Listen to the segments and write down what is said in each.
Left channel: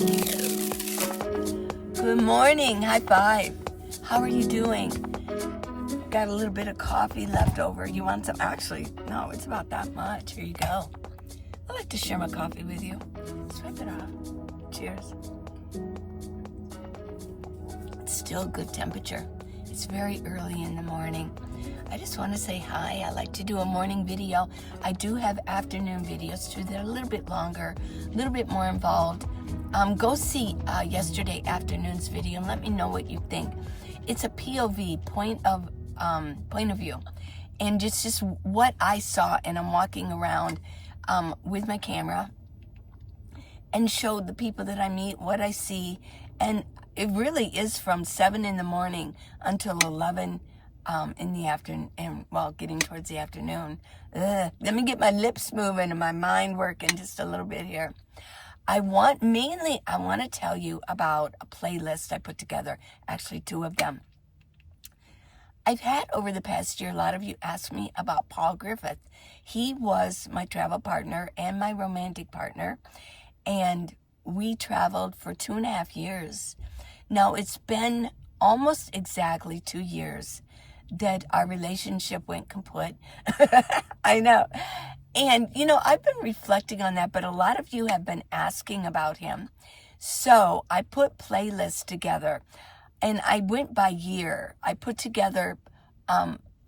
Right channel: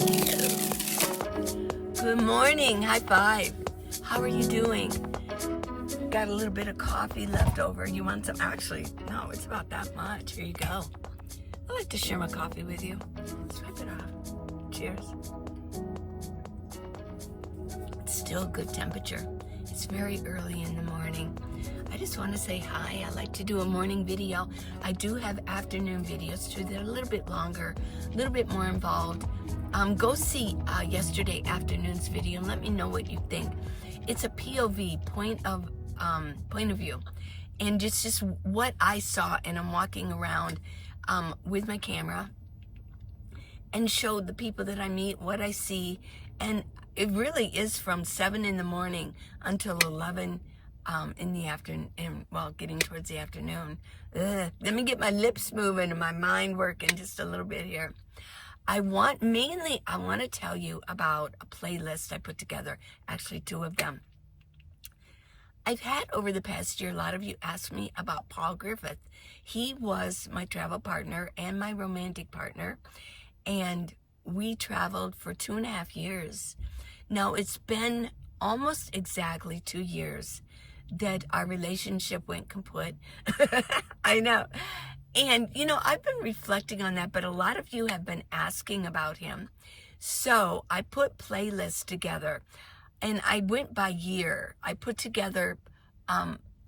Good morning. High five. How are you doing? Got a little bit of coffee left over. You want some? Actually, no, it's about that much. Here you go. I like to share my coffee with you. Swipe it off. Cheers. It's still good temperature. It's very early in the morning. I just want to say hi. I like to do a morning video. I do have afternoon videos too. They're a little bit longer, a little bit more involved. Go see yesterday afternoon's video and let me know what you think. It's a POV, point of view, and it's just what I saw. And I'm walking around with my camera and showed the people that I meet what I see, and it really is from 7 in the morning until 11 in the afternoon, and well, getting towards the afternoon. Let me get my lips moving and my mind working just a little bit here. I want to tell you about a playlist I put together, actually 2 of them. I've had over the past year, a lot of you asked me about Paul Griffith. He was my travel partner and my romantic partner, and we traveled for 2.5 years. Now, it's been almost exactly 2 years that our relationship went kaput. I know. And, you know, I've been reflecting on that, but a lot of you have been asking about him. So I put playlists together, and I went by year. I put together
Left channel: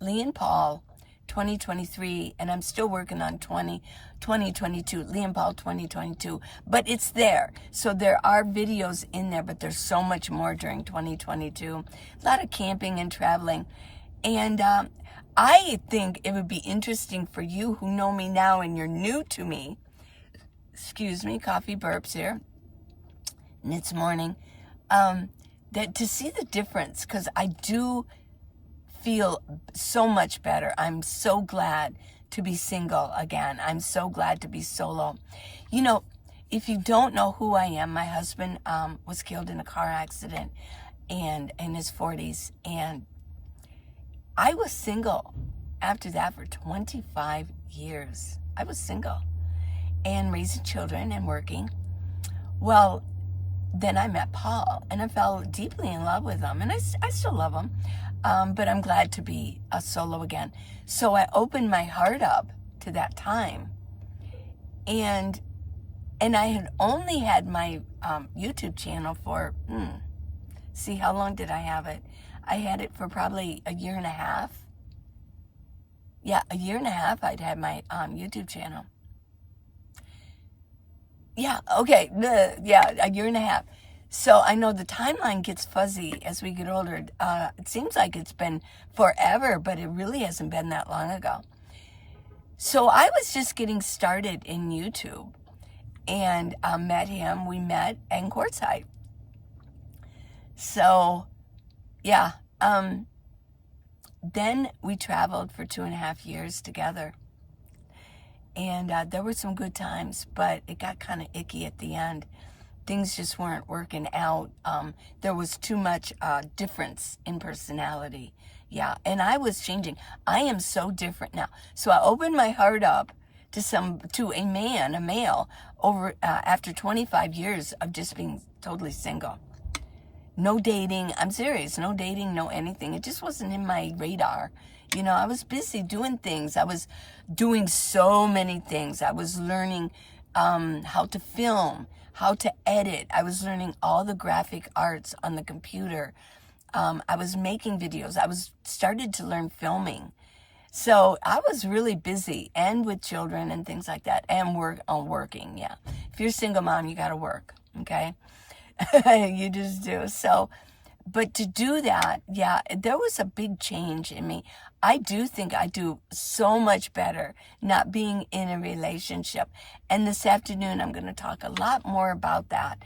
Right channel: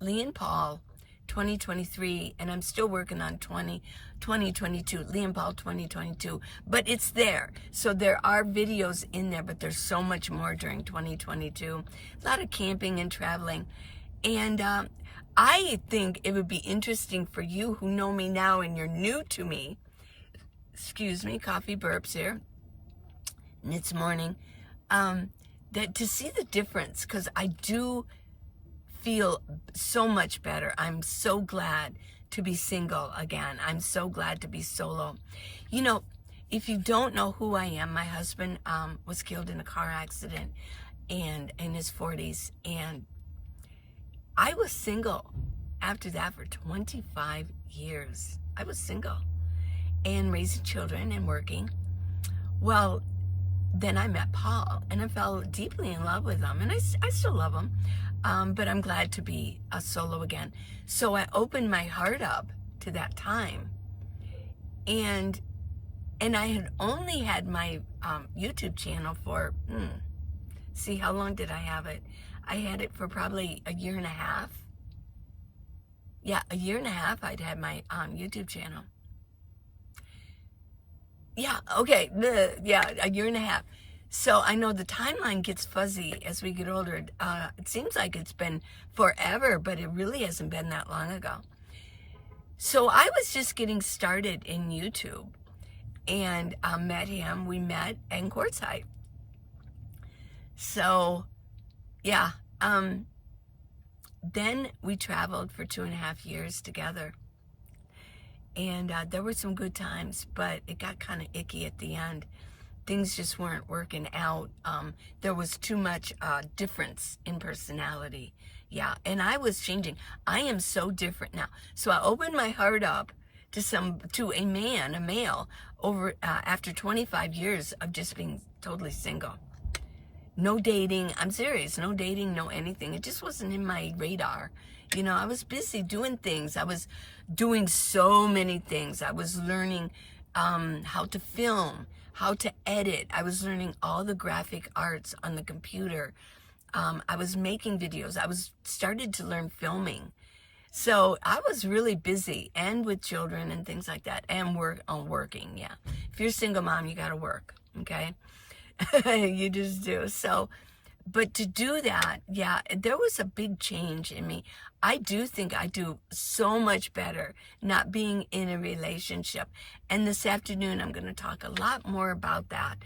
Lee and Paul 2023, and I'm still working on 2022, Lee and Paul 2022, but it's there. So there are videos in there, but there's so much more during 2022. A lot of camping and traveling. And I think it would be interesting for you who know me now and you're new to me. Excuse me, coffee burps here. And it's morning. That to see the difference, because I do feel so much better. I'm so glad to be single again. I'm so glad to be solo. You know, if you don't know who I am, my husband was killed in a car accident and in his 40s, and I was single after that for 25 years. I was single and raising children and working. Well, then I met Paul, and I fell deeply in love with him, and I still love him, but I'm glad to be a solo again. So I opened my heart up to that time, and I had only had my YouTube channel for, see, how long did I have it? I had it for probably 1.5 years. Yeah, 1.5 years I'd had my YouTube channel. Yeah, okay, yeah, 1.5 years. So I know the timeline gets fuzzy as we get older. It seems like it's been forever, but it really hasn't been that long ago. So I was just getting started in YouTube and met him. We met in Quartzsite. So, yeah, then we traveled for 2.5 years together. And there were some good times, but it got kind of icky at the end. Things just weren't working out. There was too much difference in personality. Yeah, and I was changing. I am so different now. So I opened my heart up to a male, over after 25 years of just being totally single. No dating. I'm serious. No dating, no anything. It just wasn't in my radar. You know, I was busy doing things. I was doing so many things. I was learning how to film, how to edit. I was learning all the graphic arts on the computer. I was making videos. I started to learn filming. So I was really busy, and with children and things like that, and working. Yeah. If you're a single mom, you got to work. Okay. You just do. So, but to do that, yeah, there was a big change in me. I do think I do so much better not being in a relationship. And this afternoon, I'm going to talk a lot more about that,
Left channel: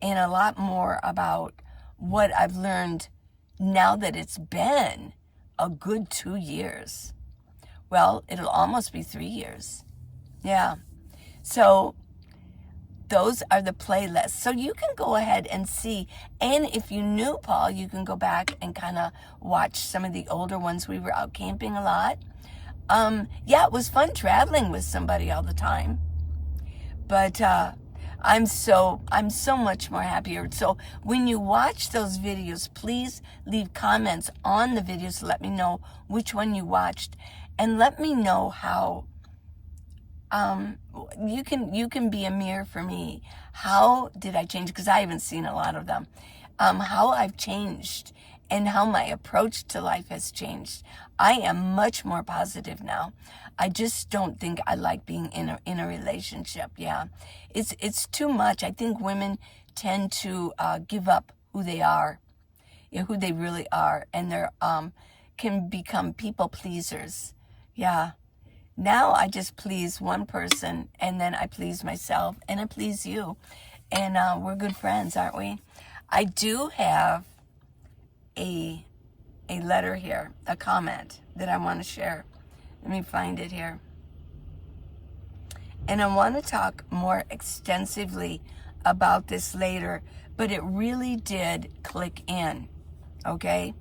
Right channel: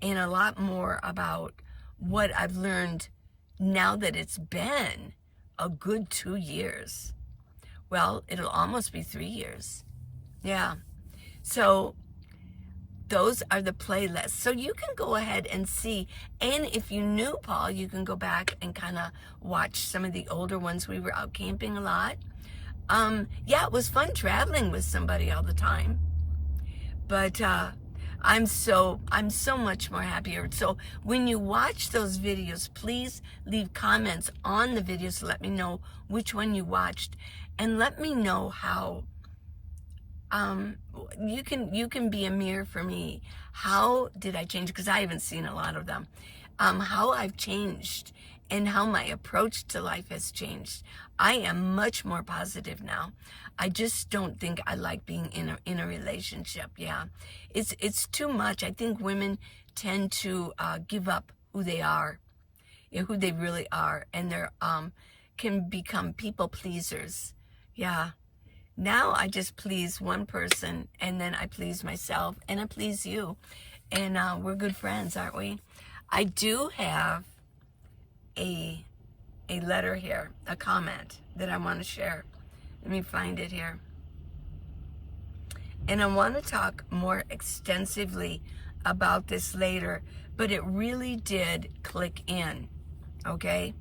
and a lot more about what I've learned now that it's been a good 2 years. Well, it'll almost be 3 years. Yeah. So those are the playlists. So you can go ahead and see. And if you knew Paul, you can go back and kind of watch some of the older ones. We were out camping a lot. Yeah, it was fun traveling with somebody all the time. But I'm so much more happier. So when you watch those videos, please leave comments on the videos. Let me know which one you watched, and let me know how you can be a mirror for me. How did I change? Because I haven't seen a lot of them. How I've changed and how my approach to life has changed. I am much more positive now. I just don't think I like being in a relationship. Yeah, it's too much. I think women tend to give up who they are, who they really are, and they're can become people pleasers. Yeah. Now I just please one person, and then I please myself, and I please you, and we're good friends, aren't we? I do have a letter here, a comment that I want to share. Let me find it here. And I want to talk more extensively about this later, but it really did click in, okay?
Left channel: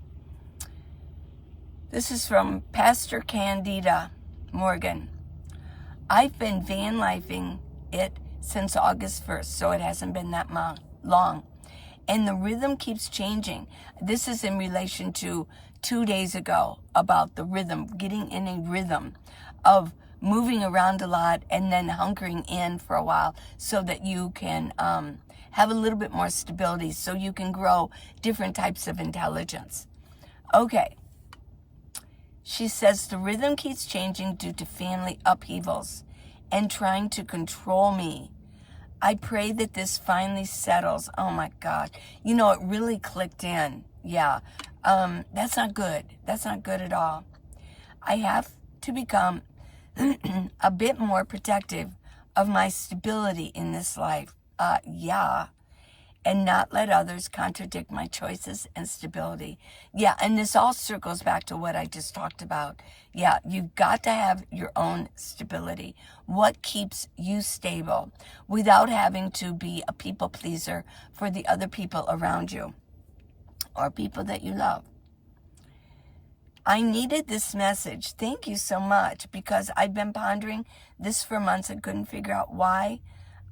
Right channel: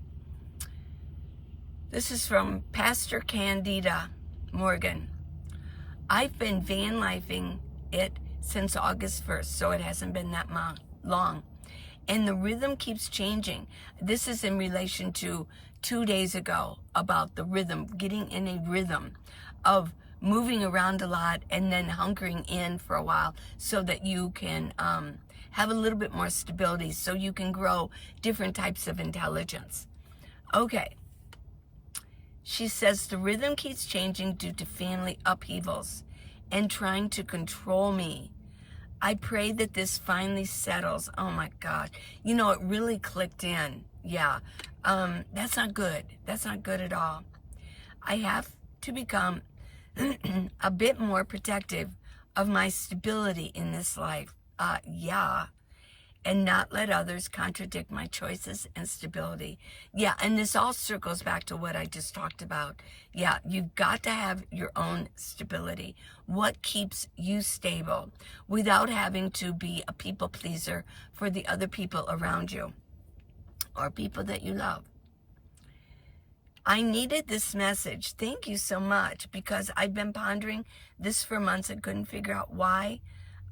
This is from Pastor Candida Morgan. I've been van lifing it since August 1st, so it hasn't been that long. And the rhythm keeps changing. This is in relation to 2 days ago about the rhythm, getting in a rhythm of moving around a lot and then hunkering in for a while so that you can have a little bit more stability, so you can grow different types of intelligence. Okay. She says the rhythm keeps changing due to family upheavals and trying to control me. I pray that this finally settles. Oh my God. You know, it really clicked in. Yeah. That's not good. That's not good at all. I have to become a bit more protective of my stability in this life. Yeah. And not let others contradict my choices and stability. Yeah, and this all circles back to what I just talked about. Yeah, you've got to have your own stability. What keeps you stable without having to be a people pleaser for the other people around you or people that you love. I needed this message. Thank you so much, because I've been pondering this for months and couldn't figure out why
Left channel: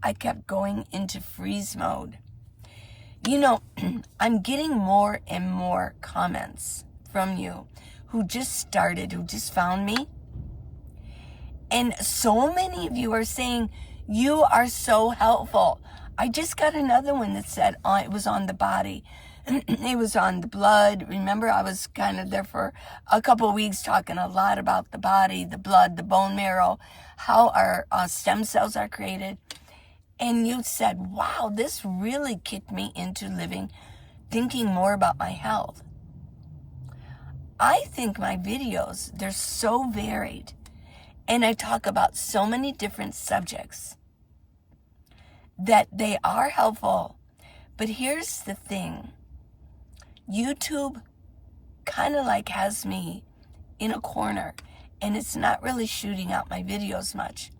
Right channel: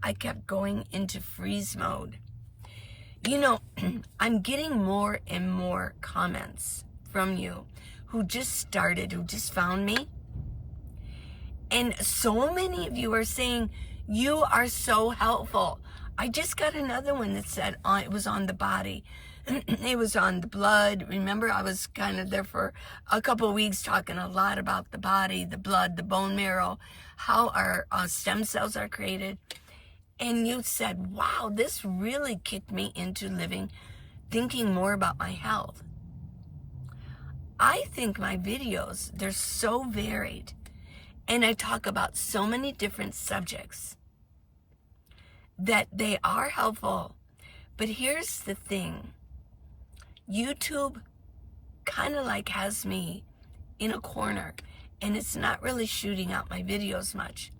I kept going into freeze mode. You know, I'm getting more and more comments from you who just found me. And so many of you are saying, you are so helpful. I just got another one that said it was on the body. It was on the blood. Remember, I was kind of there for a couple of weeks talking a lot about the body, the blood, the bone marrow, how our stem cells are created. And you said, wow, this really kicked me into thinking more about my health. I think my videos, they're so varied. And I talk about so many different subjects that they are helpful. But here's the thing. YouTube kind of like has me in a corner, and it's not really shooting out my videos much.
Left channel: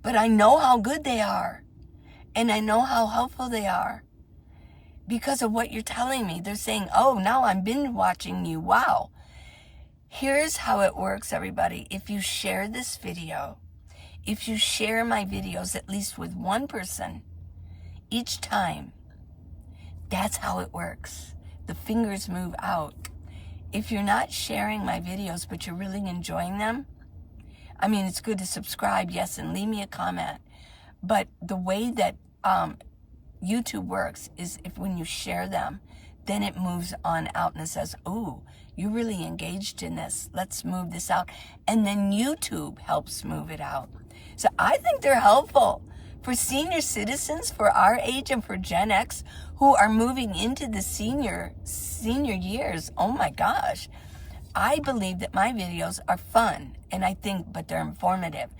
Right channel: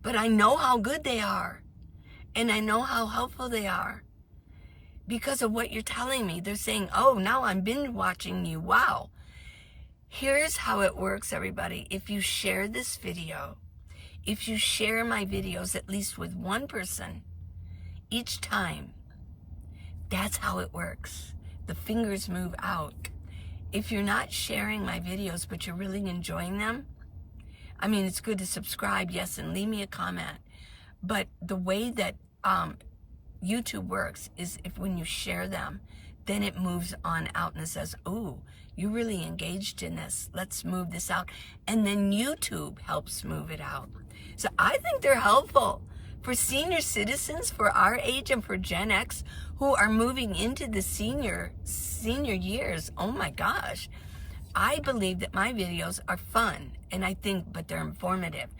But I know how good they are, and I know how helpful they are because of what you're telling me. They're saying, oh, now I'm binge watching you. Wow. Here's how it works, everybody. If you share this video, if you share my videos at least with one person each time, that's how it works. The fingers move out. If you're not sharing my videos, but you're really enjoying them, I mean, it's good to subscribe, yes, and leave me a comment. But the way that YouTube works is when you share them, then it moves on out and it says, ooh, you're really engaged in this. Let's move this out. And then YouTube helps move it out. So I think they're helpful for senior citizens, for our age, and for Gen X who are moving into the senior years. Oh my gosh. I believe that my videos are fun, but they're informative.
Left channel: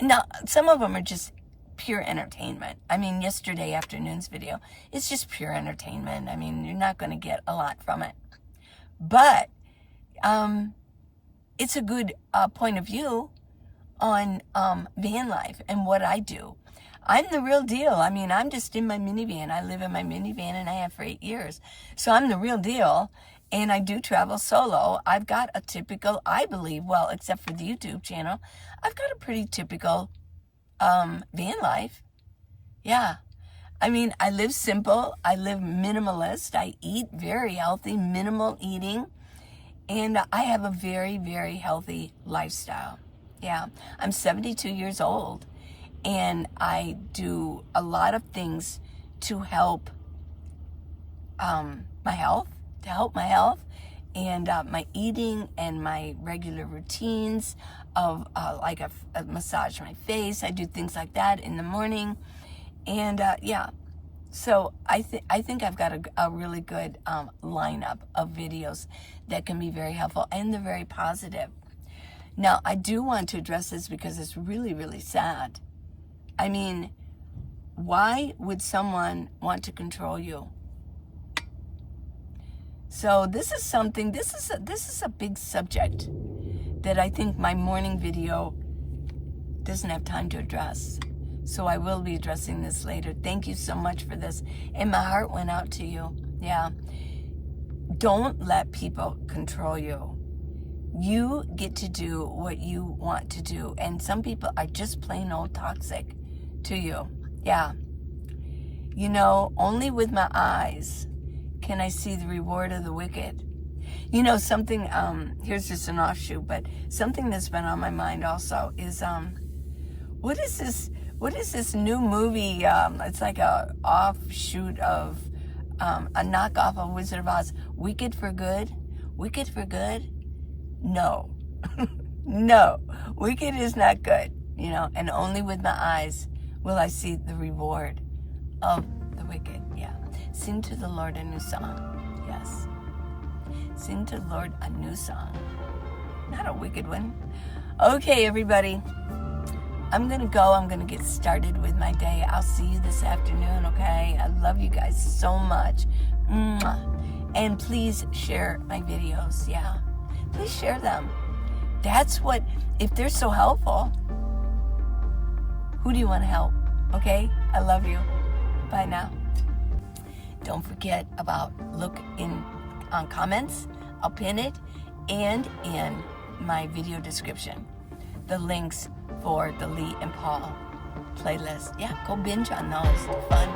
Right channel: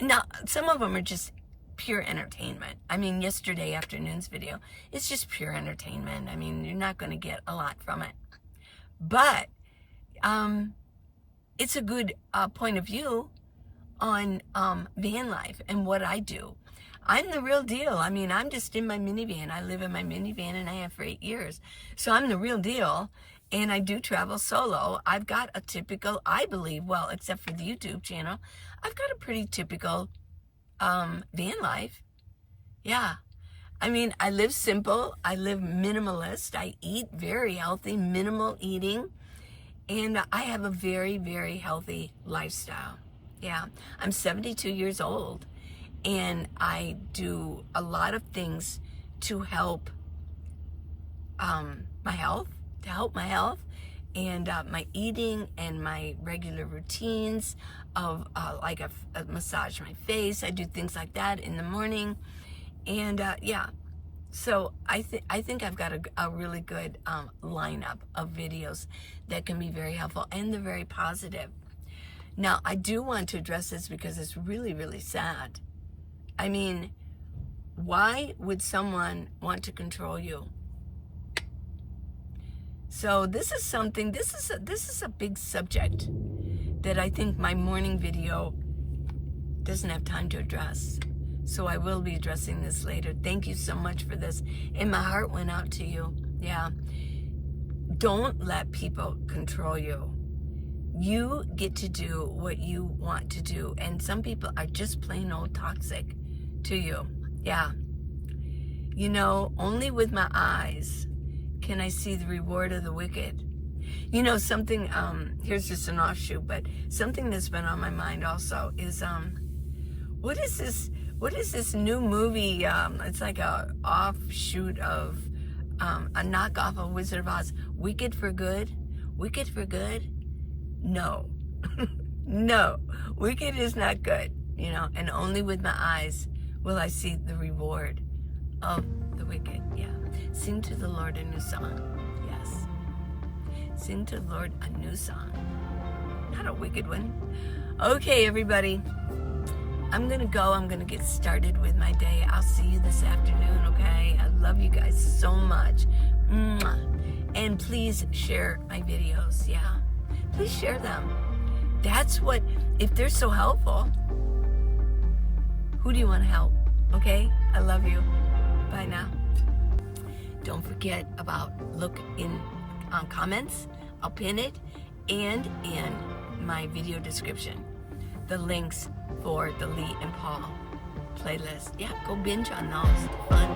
Now, some of them are just pure entertainment. I mean, yesterday afternoon's video, it's just pure entertainment. I mean, you're not going to get a lot from it. But it's a good point of view on van life and what I do. I'm the real deal. I mean, I'm just in my minivan. I live in my minivan, and I have for 8 years. So I'm the real deal. And I do travel solo. I've got a typical, I believe, well, except for the YouTube channel, I've got a pretty typical van life. Yeah. I mean, I live simple. I live minimalist. I eat very healthy, minimal eating. And I have a very, very healthy lifestyle. Yeah. I'm 72 years old. And I do a lot of things to help my health, and my eating and my regular routines of like a massage my face. I do things like that in the morning. And yeah, so I think I've got a really good lineup of videos that can be very helpful, and they're very positive. Now, I do want to address this because it's really, really sad. I mean, why would someone want to control you? So this is something, this is a big subject that I think my morning video doesn't have time to address. So I will be addressing this later. Thank you so much for this. And my heart went out to you. Yeah. Don't let people control you. You get to do what you want to do. And some people are just plain old toxic to you. Yeah. You know, only with my eyes can I see the reward of the wicked. You know, something, here's just an offshoot, but something that's been on my mind also is, what is this new movie? It's like a offshoot of, a knockoff of Wizard of Oz. Wicked for Good? Wicked for Good? No. No. Wicked is not good, you know, and only with my eyes will I see the reward of the wicked. Yeah. Sing to the Lord a new song. Yes. Sing to the Lord a new song. Not a wicked one. Okay, everybody. I'm going to go. I'm going to get started with my day. I'll see you this afternoon, okay? I love you guys so much. Mwah. And please share my videos, yeah? Please share them. That's what, if they're so helpful, who do you want to help? Okay? I love you. Bye now. Don't forget about look in on comments. I'll pin it, and in my video description, the links for the Lee and Paul playlist. Yeah, go binge on those. Fun.